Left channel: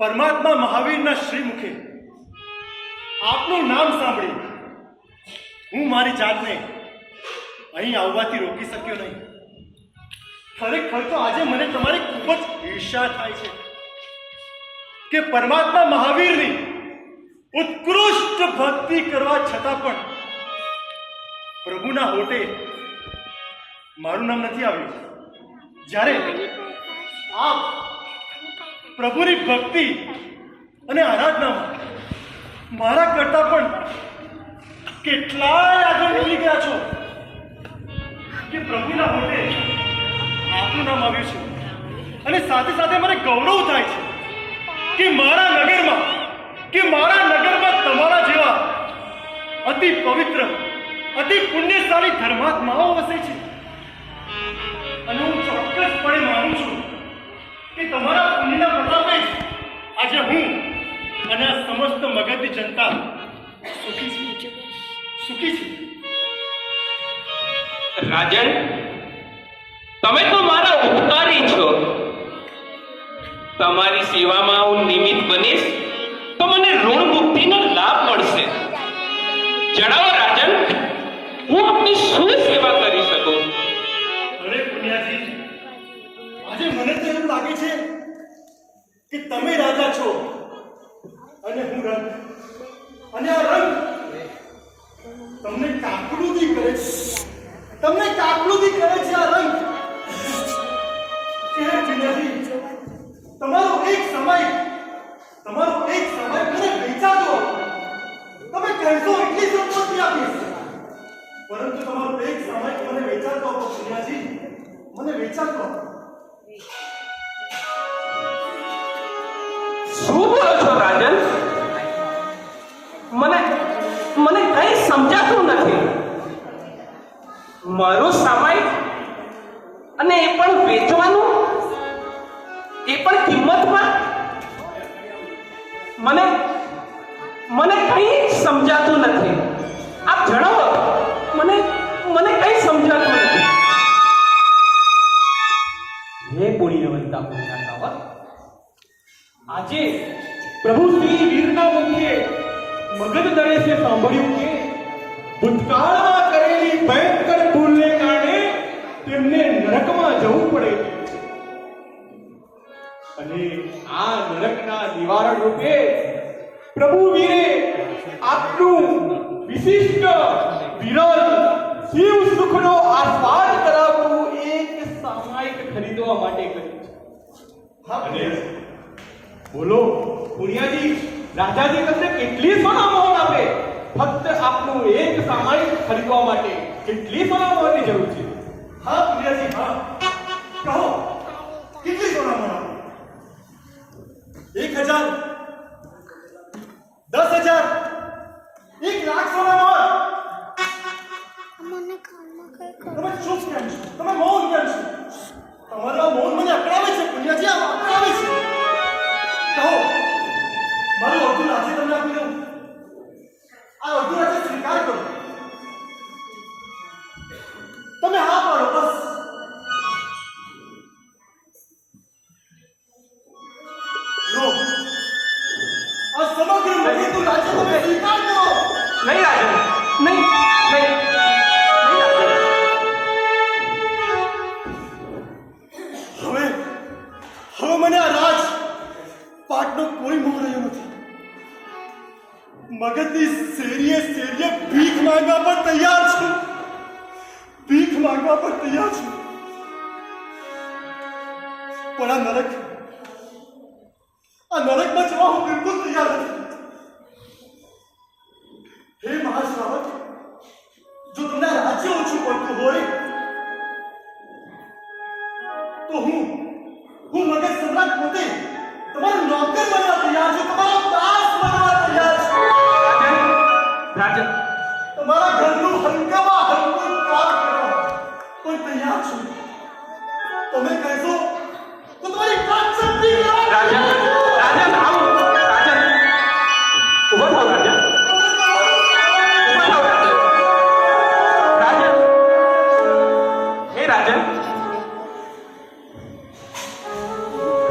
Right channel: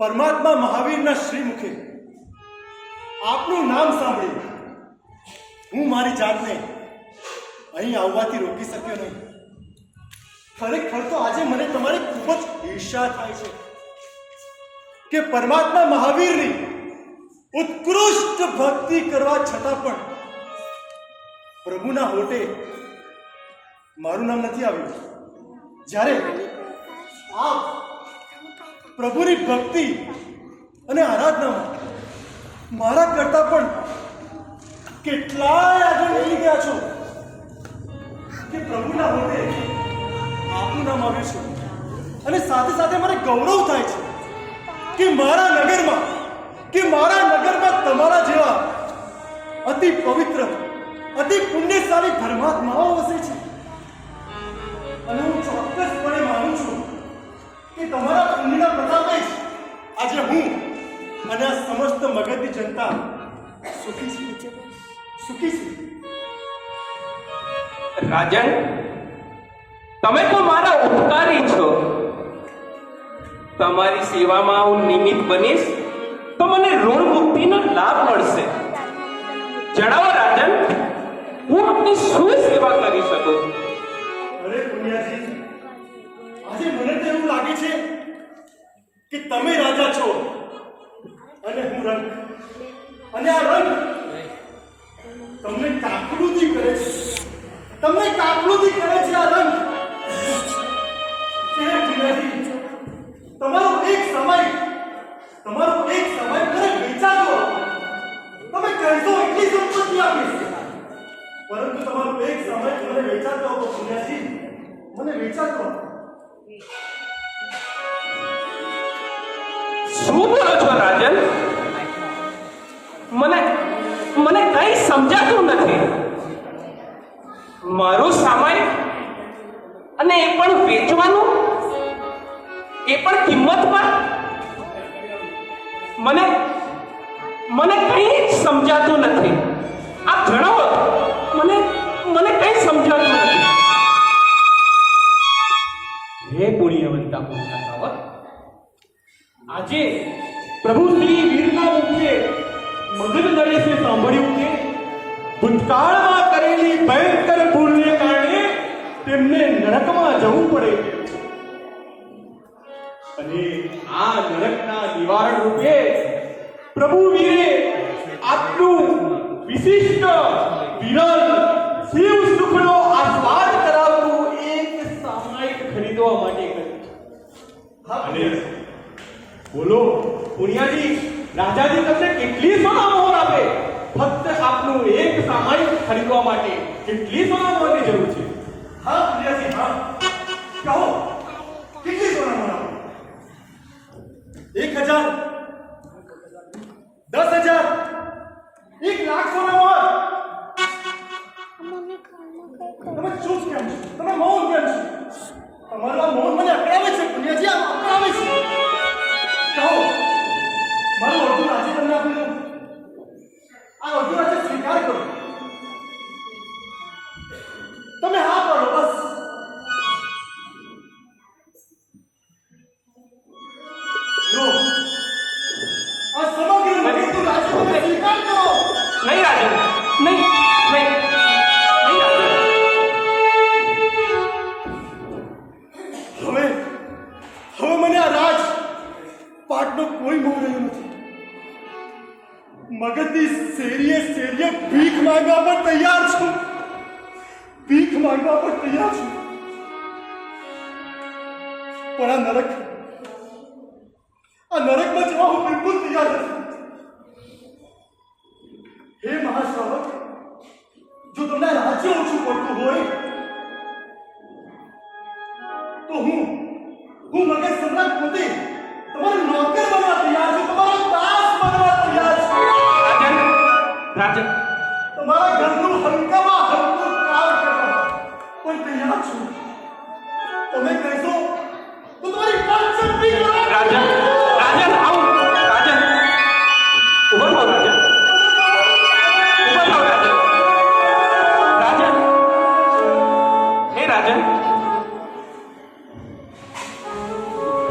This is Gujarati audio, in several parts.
પરમાત્મા મહાવીરના શ્રીમુખે આપનું નામ સાંભળી હું મારી જાતને અહીં આવવાથી રોકી શક્યો નહીં. ખરેખર તો આજે મને તમારી ખૂબ જ ઈર્ષા થાય છે કે પરમાત્મા મહાવીરની ઉત્કૃષ્ટ ભક્તિ કરવા છતાં પણ પ્રભુના હોઠે મારું નામ નથી આવ્યું. જ્યારે આપ પ્રભુની ભક્તિ અને આરાધનામાં મારા કરતા પણ કેટલાય આગળ નીકળી ગયા છો કે પ્રભુના હોઠે આપનું નામ આવ્યું છે. અને સાથે સાથે મને ગૌરવ થાય છે કે મારા નગરમાં તમારા જેવા અતિ પવિત્ર અતિ પુણ્યશાળી ધર્માત્માઓ વસે છે. અને હું ચોક્કસપણે માનું છું કે તમારા પુણ્યના પ્રતાપે જ આજે હું અને આ સમસ્ત મગધની જનતા સુખી છે. રાજન, તમે તો મારા ઉપકારી છો. તમારી સેવામાં હું નિમિત્ત બનીશ તો મને ઋણ મુક્તિનો લાભ મળશે. જણાવો રાજન, હું આપની શું સેવા કરી શકું? અરે પુણ્યાજી, આજે મને તો એવું લાગે છે કે તમે રાજા છો અને હું રંગ, અને આ રંગ તમને કાકલુદી કરે છે. આ રંગ. તમારો એક સમય મને વેચાતો. તમે કહેશો એટલી સંપત્તિ આપીશ, પરંતુ તમારો એક સમય મને વેચાતો હતો પુણ્યાજી, મને વેચાતો હતો. શું બોલો છો રાજન? મને કઈ સમજાતું નથી. મારો સમય અને એ પણ વેચવાનું, એ પણ કિંમત પર. મને કઈ સમજાતું નથી. આપ જણાવો, મને કઈ સમજાતું નથી. હે પુણ્યવંતા પુણ્યાવત, આજે પ્રભુ શ્રી વીરના મુખે મગધ નરેશે સાંભળ્યું કે ભૂતકાળમાં કરેલી ભયંકર ભૂલને કારણે તેમને નરકમાં જવું પડે છે. અને આ નરકના નિવારણ રૂપે પ્રભુ વીરે આટલું વિશિષ્ટ વિરલ શિવ સુખનો આસ્વાદ કરાવવું એક સામાયિક ખરીદવા માટે કર્યું છે. હા અને બોલો પુણ્યાજી, રાજાજી તમને કેટલી સોના મોહર આપે? ફક્ત આપનું એક સામાયિક ખરીદવા માટે કેટલી સોના મોહરની જરૂર છે? હા પુણ્યાજી, હા, કહો કેટલી સોના મોહર? 1000, 10,000, 1,00,000 સોના મોહર? તમે ચૂપ કેમ છો? તમે મૌન કેમ છો? તમારા મૌન મને અકળાવે છે પુણ્યાજી, આ અકળાવે છે. કહો, મારું અડધું રાજ્ય તમને આપી દઉં. આ અડધું રાજ્ય સ્વીકાર કરો. તમે હા પાડો, બસ. લો, આ સમગ્ર મગધનું રાજ્ય તમે સ્વીકાર કરો. નહીં રાજન, નહીં રાજન. હવે મને આ રાજ પાટનો કોઈ મોહ રહ્યો નથી. મગધની શેરીએ ભીખ માંગવા પર તૈયાર છું. પણ આ નરકમાં જવા હું બિલકુલ તૈયાર નથી. હે મહાશ્રાવક, જો તમને રાજ્ય ઓછું પડતું હોય તો હું મગધ સમ્રાટ પોતે તમારો નોકર બનવા તૈયાર છું, તમારો દાસ બનવા તૈયાર છું. રાજન, તમારા ઘરનું હલકામાં હલકું કામ કરવા પણ તૈયાર છું. તમે કહેશો તો તમારી વાત શક્તિ રાજન, ઉભો થાઓ રાજન. હે રાજન,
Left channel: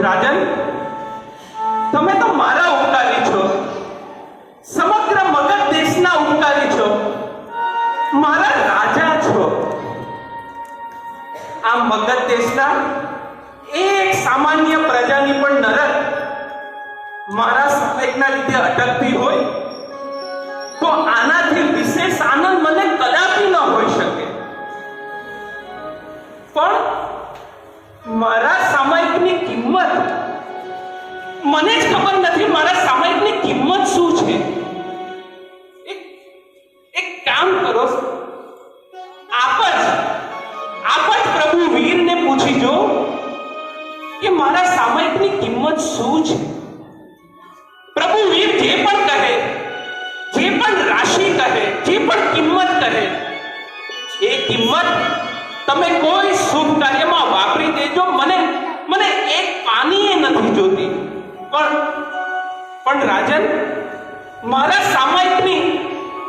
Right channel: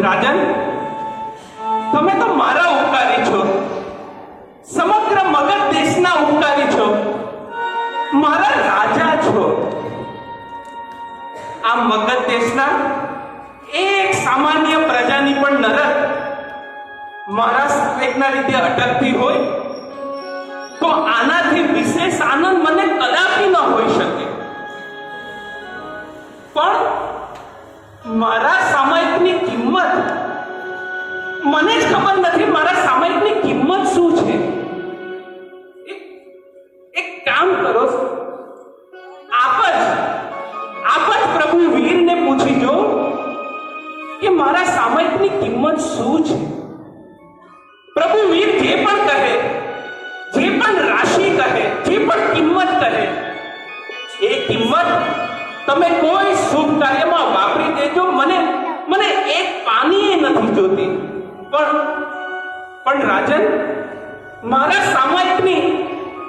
રાજન, તમે તો સાહેબના લીધે અટકતી હોય તો આનાથી વિશેષ આનંદ મને કદાપી ન હોઈ શકે. પણ મારા સામાયિકની કિંમત મને જ ખબર નથી. મારા સામાયિકની કિંમત શું છે? એક કામ કરો, આપ જ પ્રભુ વીરને પૂછી જો કે મારા સામાયિકની કિંમત શું છે. પ્રભુ વીર જે પણ કહે, જે પણ રાશિ કહે, જે પણ કિંમત કહે, એ કિંમત તમે કોઈ શુભ કાર્યમાં વાપરી દેજો. મને એક પાની નથી જોતી. પણ રાજન, મારા સામાયિકની,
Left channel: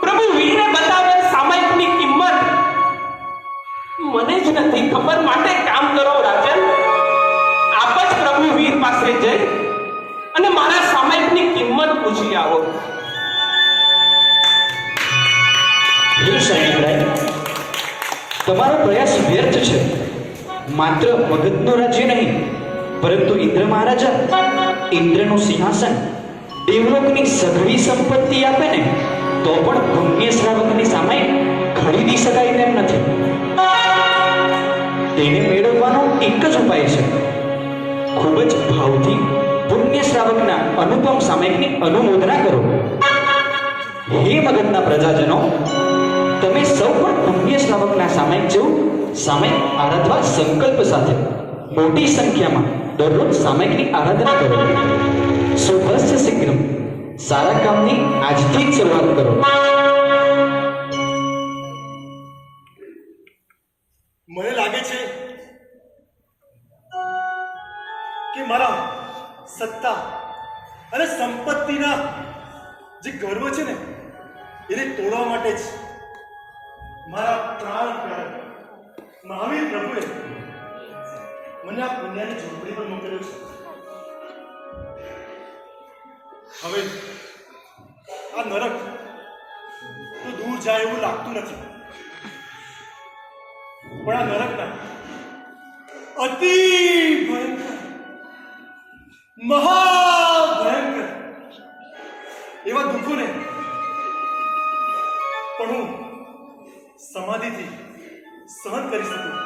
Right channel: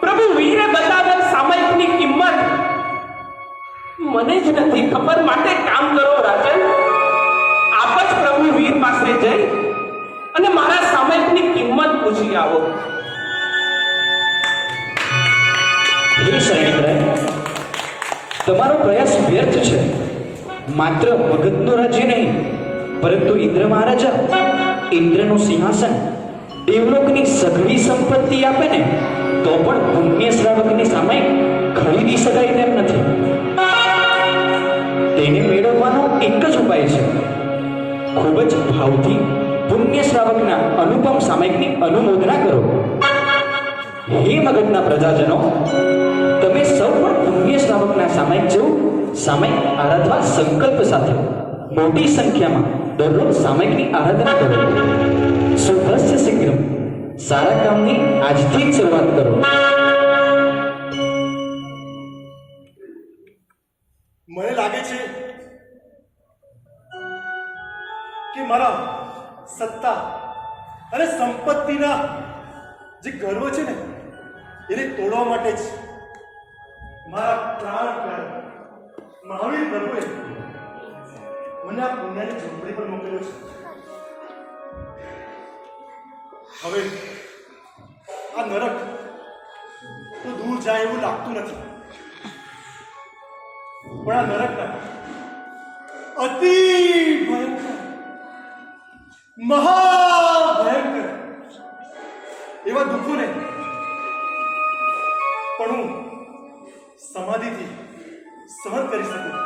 પ્રભુ વીરે બતાવેલ સામાયિકની કિંમત મને જ નથી ખબર. માટે કામ કરો રાજન, આપ જ પ્રભુ વીર પાસે જઈ અને મારા સામાયિકની કિંમત પૂછી આવો. હે સૈનિકરાય, તમારો પ્રયાસ વ્યર્થ છે. માત્ર મગધનું રાજ્ય નહીં, પરંતુ ઇન્દ્ર મહારાજા ઇન્દ્રનું સિંહાસન, દેવલોકની સઘળી સંપત્તિ આપે ને તો પણ પુણ્ય શ્રાવકની સામાયિક ખરીદી શકાય તેમ નથી. તેને મેળવવાનો એક જ ઉપાય છે. ખૂબ જ ભાવથી પુણ્ય શ્રાવકના અનુપમ સામાયિકની અનુમોદના કરો. હે મગધના પ્રજાજનો, તમે સૌ પણ પુણ્ય શ્રાવકના સામાયિક જેવું સામાયિક આરાધવા સંકલ્પ સાથે મોટી સંખ્યામાં દરરોજ સામાયિકની આરાધના કરો. સુધસ્ય શીઘ્ર, સારા કામની આજથી જ શરૂઆત કરો. મને લાગે છે કે મારા સત્તા અને સંપત્તિના જે ગર્વ છે ને, એને તોડવા માટે જ મારા પ્રાણ પ્યારા મહાવીર પ્રભુએ મને આ પુણ્યની ઝૂંપડી પર મોકલ્યો છે. હવે આ નરક તો દૂર જાય એવું લાગતું નથી, પણ આ નરકના અતિ ભયંકર, મહાભયંકર એવા દુઃખોને પણ હું સમાધિથી સહન કરી શકું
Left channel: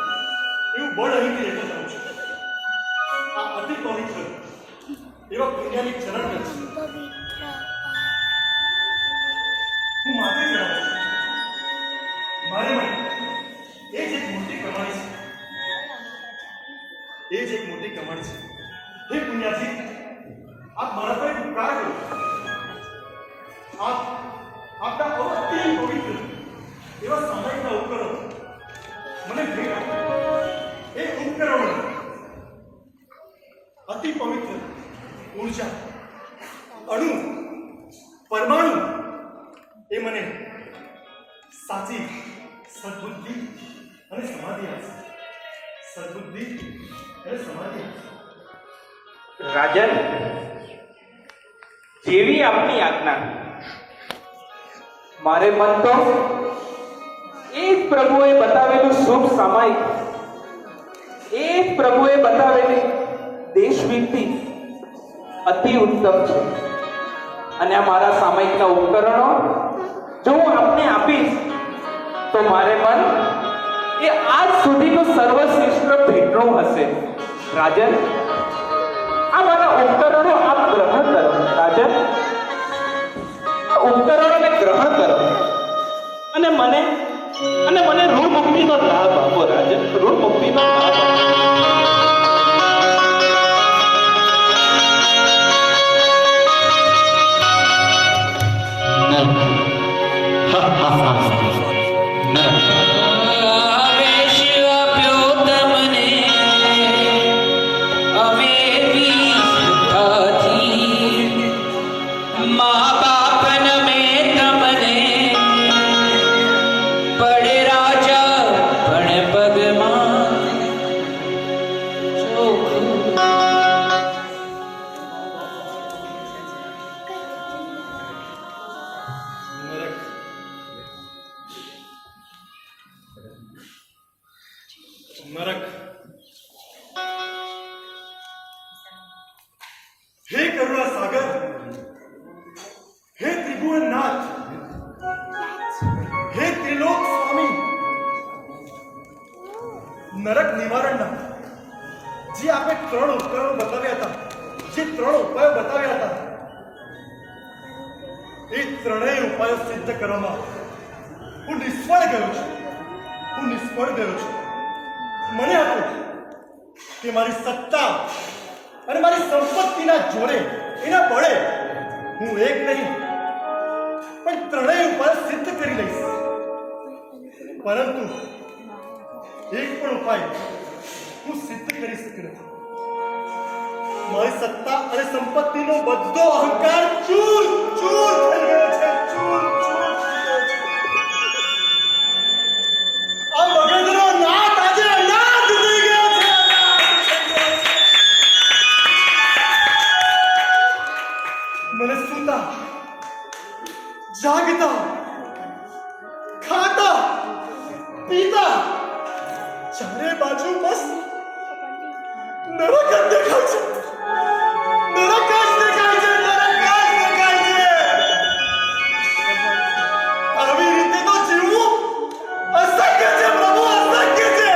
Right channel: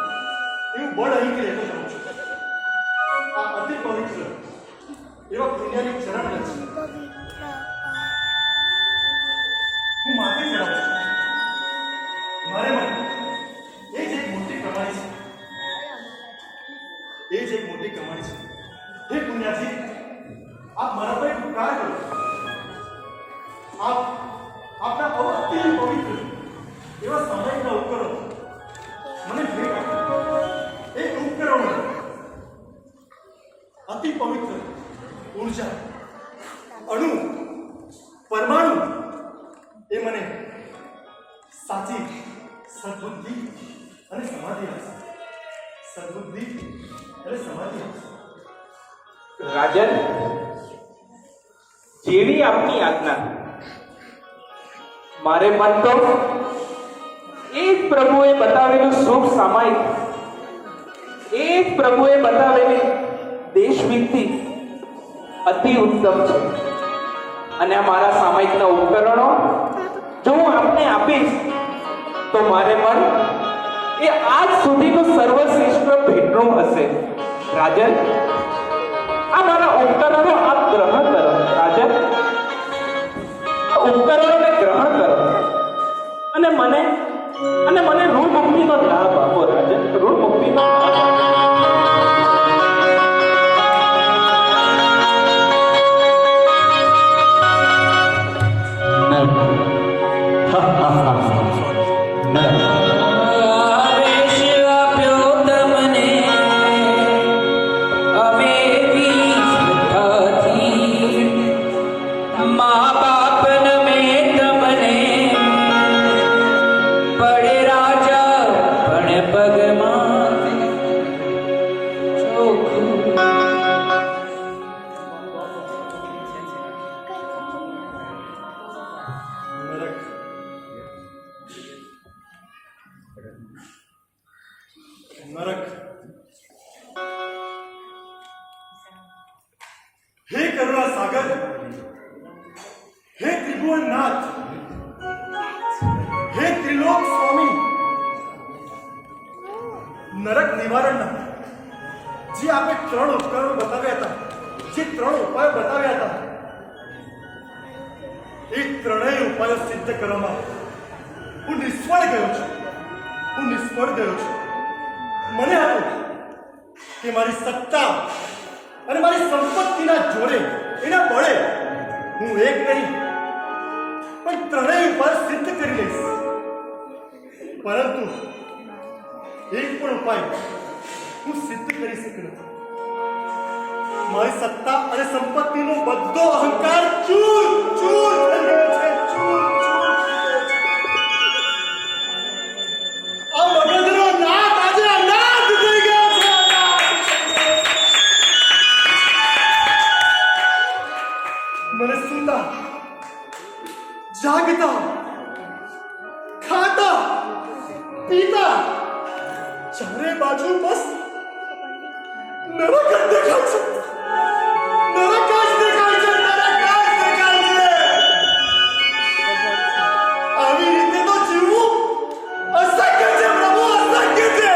એવું બળ અહીંથી લેતો જાઉં છું. આ અતિ પવિત્ર એવા પુણ્યની ચરણ રચ હું માથે ચડાવું છું. મારે મને એ જ એક મોટી કમાણી છે, એ જ એક મોટી કમાણી છે. હે પુણ્યાજી, આપ મારા પર ઉપકાર કરો. આપના અતિ પવિત્ર એવા સામાયિકના ઉપકરણો મને ભેટ આપો. એ ઉપકરણો અતિ પવિત્ર ઉર્જા, અણુ, પરમાણુ એ મને સાચી સદબુદ્ધિ અને સમાધિ આપશે. સદબુદ્ધિ અને સમાધિ આપશે. રાજન, જેવી આપની આજ્ઞા. મારે મન તો એ જ પ્રભુએ બતાવેલું શુભ સામાયિક, એ જ પ્રભુએ બતાવેલી દેશભક્તિ અતિ ઉત્તમ છે. અને મારા સામાયિકના ઉપકરણો જો હું આપને આપીશ તો મારે મન એ આજ સુધીનું સર્વશ્રેષ્ઠ ભેટનું હશે. રાજન, આ મારા ઉપકરણો આપ ગ્રહણ કરો. રાજન, આ ઉપકરણોને ગ્રહણ કરો અને મને ઋણ મુક્તિનો લાભ આપો. રાજન, ઋણ મુક્તિનો લાભ આપો. નરક, હે કરુણા સાગર, ત્રિભુવનનાથ, હે ત્રિલોક સ્વામી, નરક નિવારણના જે આપે 3 ઉપકરણો બતાવ્યા હતા, જે 3 ઉપાયો બતાવ્યા હતા, એ 3 ઉપાયો સિદ્ધ કરવામાં હું નિષ્ફળ ગયો છું. મને હતું કે મારી સત્તા અને મારી સંપત્તિના જોરે, એના બળે હું એક નહીં પણ 3 ઉપાય સિદ્ધ કરી લઈશ. પરંતુ એક પણ ઉપાય હું સિદ્ધ કરી શક્યો નથી. મારી સત્તા અને સંપત્તિનો બધો અહંકાર ચૂર ચૂર થઈ ગયો છે. ચૂર ચૂર થઈ ગયો છે. આ મગજનો નાથ આજે અનાથ થઈ ગયો છે. મને સૂતા, જાગતા, ખાતા, પીતા ચારે બાજુ બસ નરક જ દેખાય છે. નરક જ દેખાય છે. આવી રીતે તો જીવવું અશક્ય છે પ્રભુ, અશક્ય છે.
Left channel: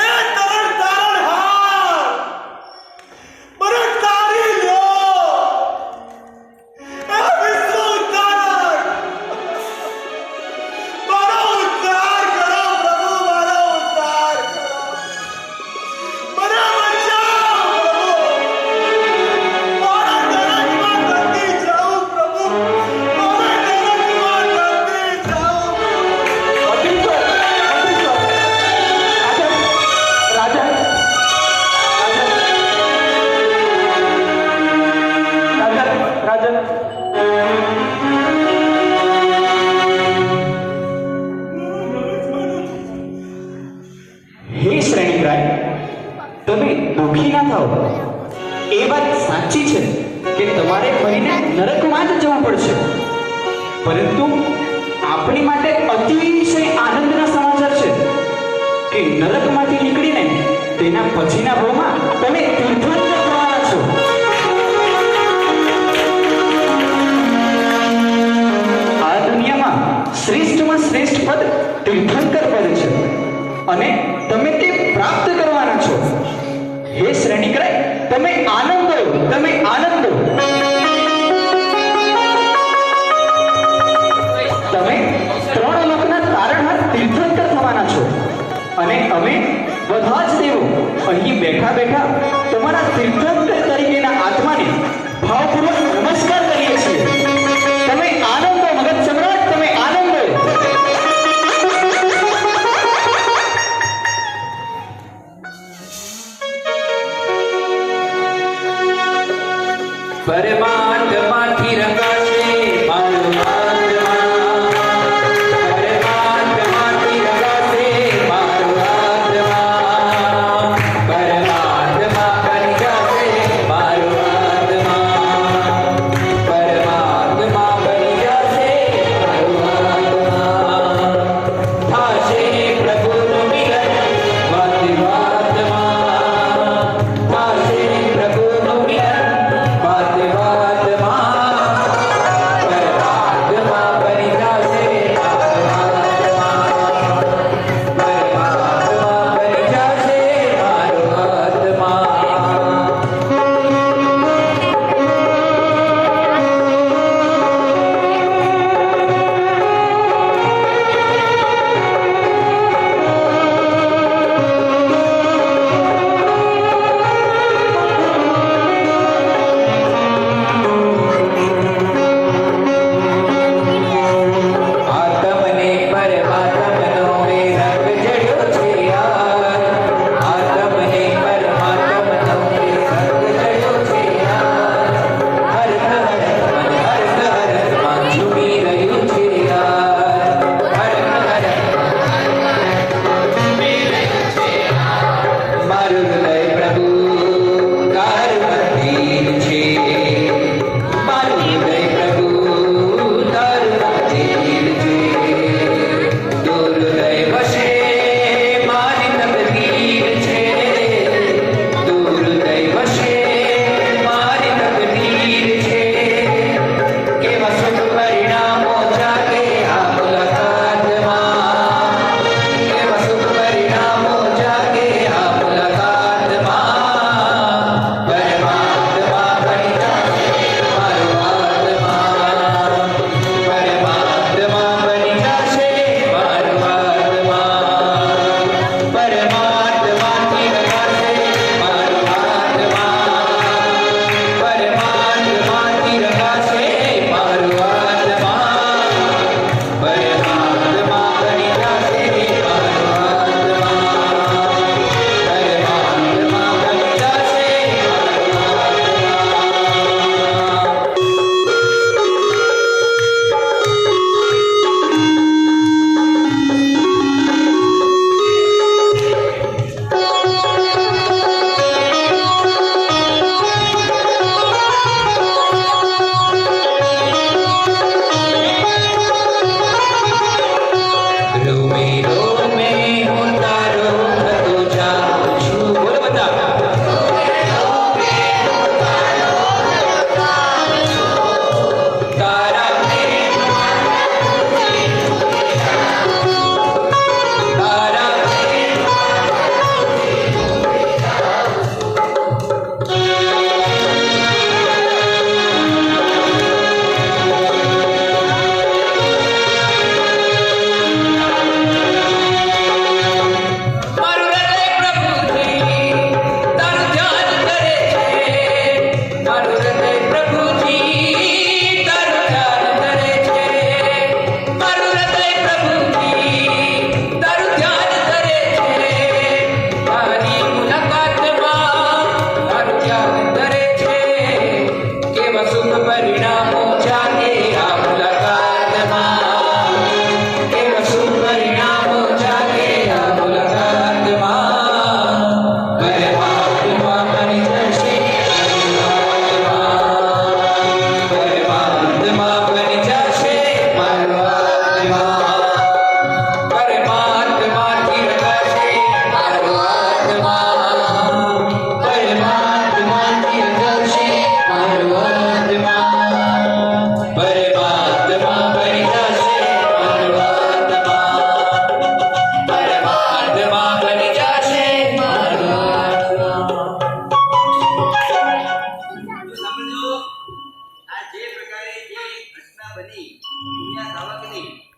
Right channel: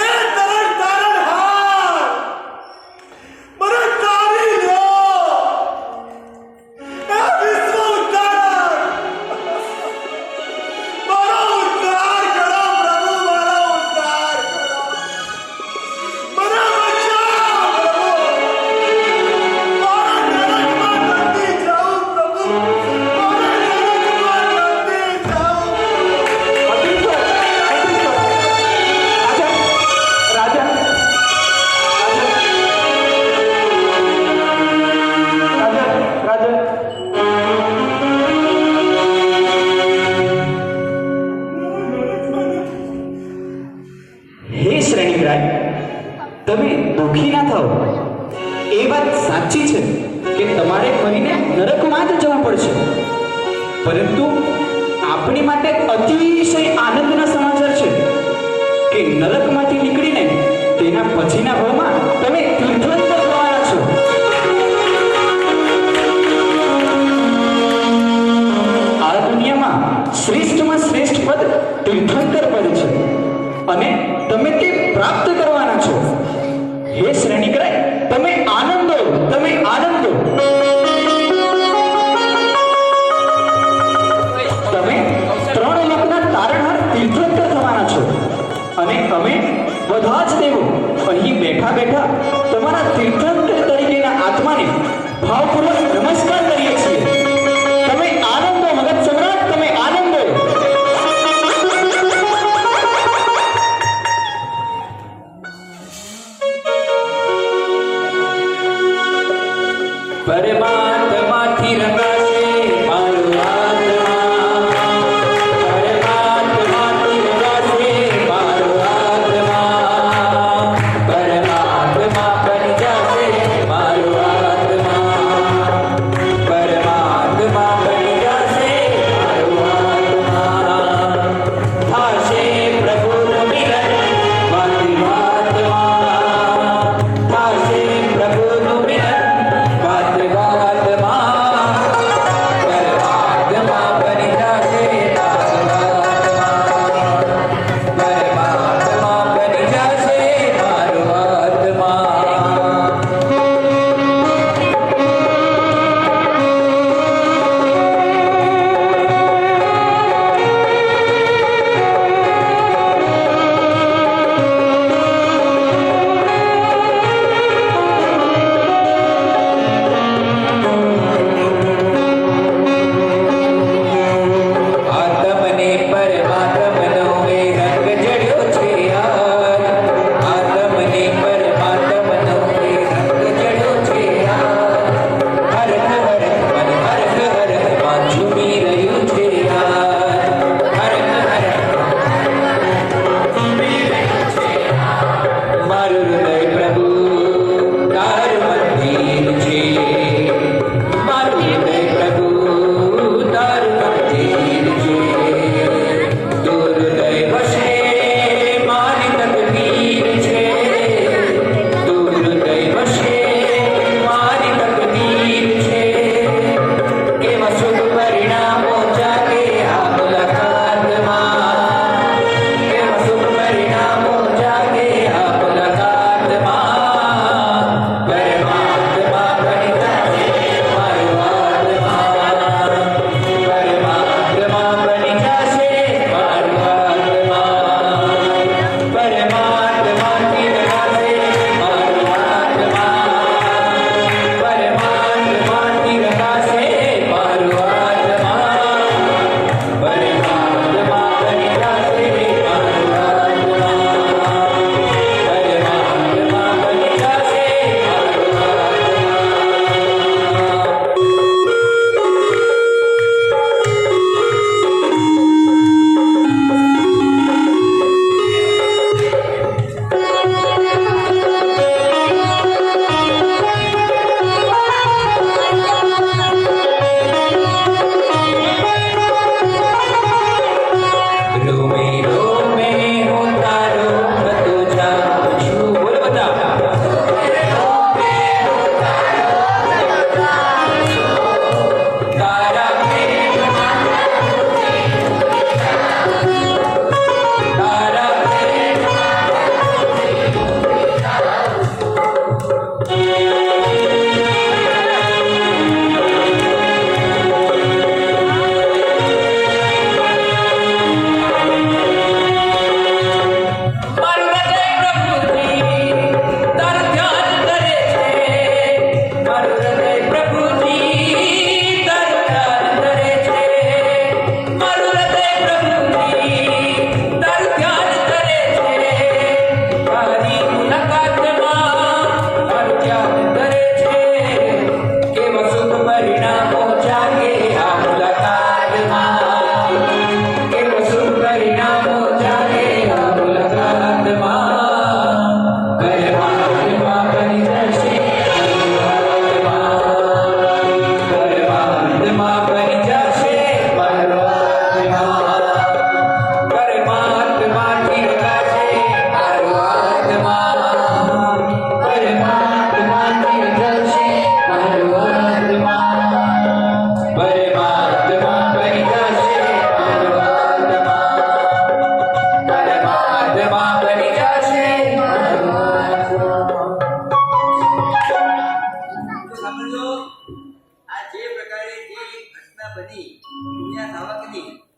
એ તરણ તારણહાર, મને તારી લો. એ વિશ્વ ઉદ્ધારક, મારો ઉદ્ધાર કરો પ્રભુ, મારો ઉદ્ધાર કરો. મને બચાવો પ્રભુ. મારા નરકમાં નથી જાઉં પ્રભુ. મારા નરકમાં નથી જાઉં હે શ્રેણીગ્રાય, તમે દુઃખી ના થાઓ. એ વાત સાચી છે કે તમારે મરીને નરકમાં જ જવું પડશે, પરંતુ આપણી માટે અતિશય આનંદના સમાચાર છે કે નરકમાંથી નીકળીને તેના પછીના ભાવમાં તમે તીર્થંકર થવાના છો. આ દુનિયામાં શ્રેષ્ઠમાં શ્રેષ્ઠ પદ તીર્થંકર પદ છે અને તમે તે પ્રાપ્ત કરવાના છો. હે શ્રેણીગ્રાય, તમે આનંદો, તમે આનંદો. તમે 3 લોકના તારણહાર તીર્થંકર થવાના છો અને અમે બધા જ દેવો અહીં બેઠા બેઠા તમારા તીર્થંકર તરીકેના આત્માને ભાવપૂર્વક નમસ્કાર કરીએ છીએ. તમે આનંદો મગજ સમ્રાટ, તમે આનંદો. પરમાત્માથી રંગ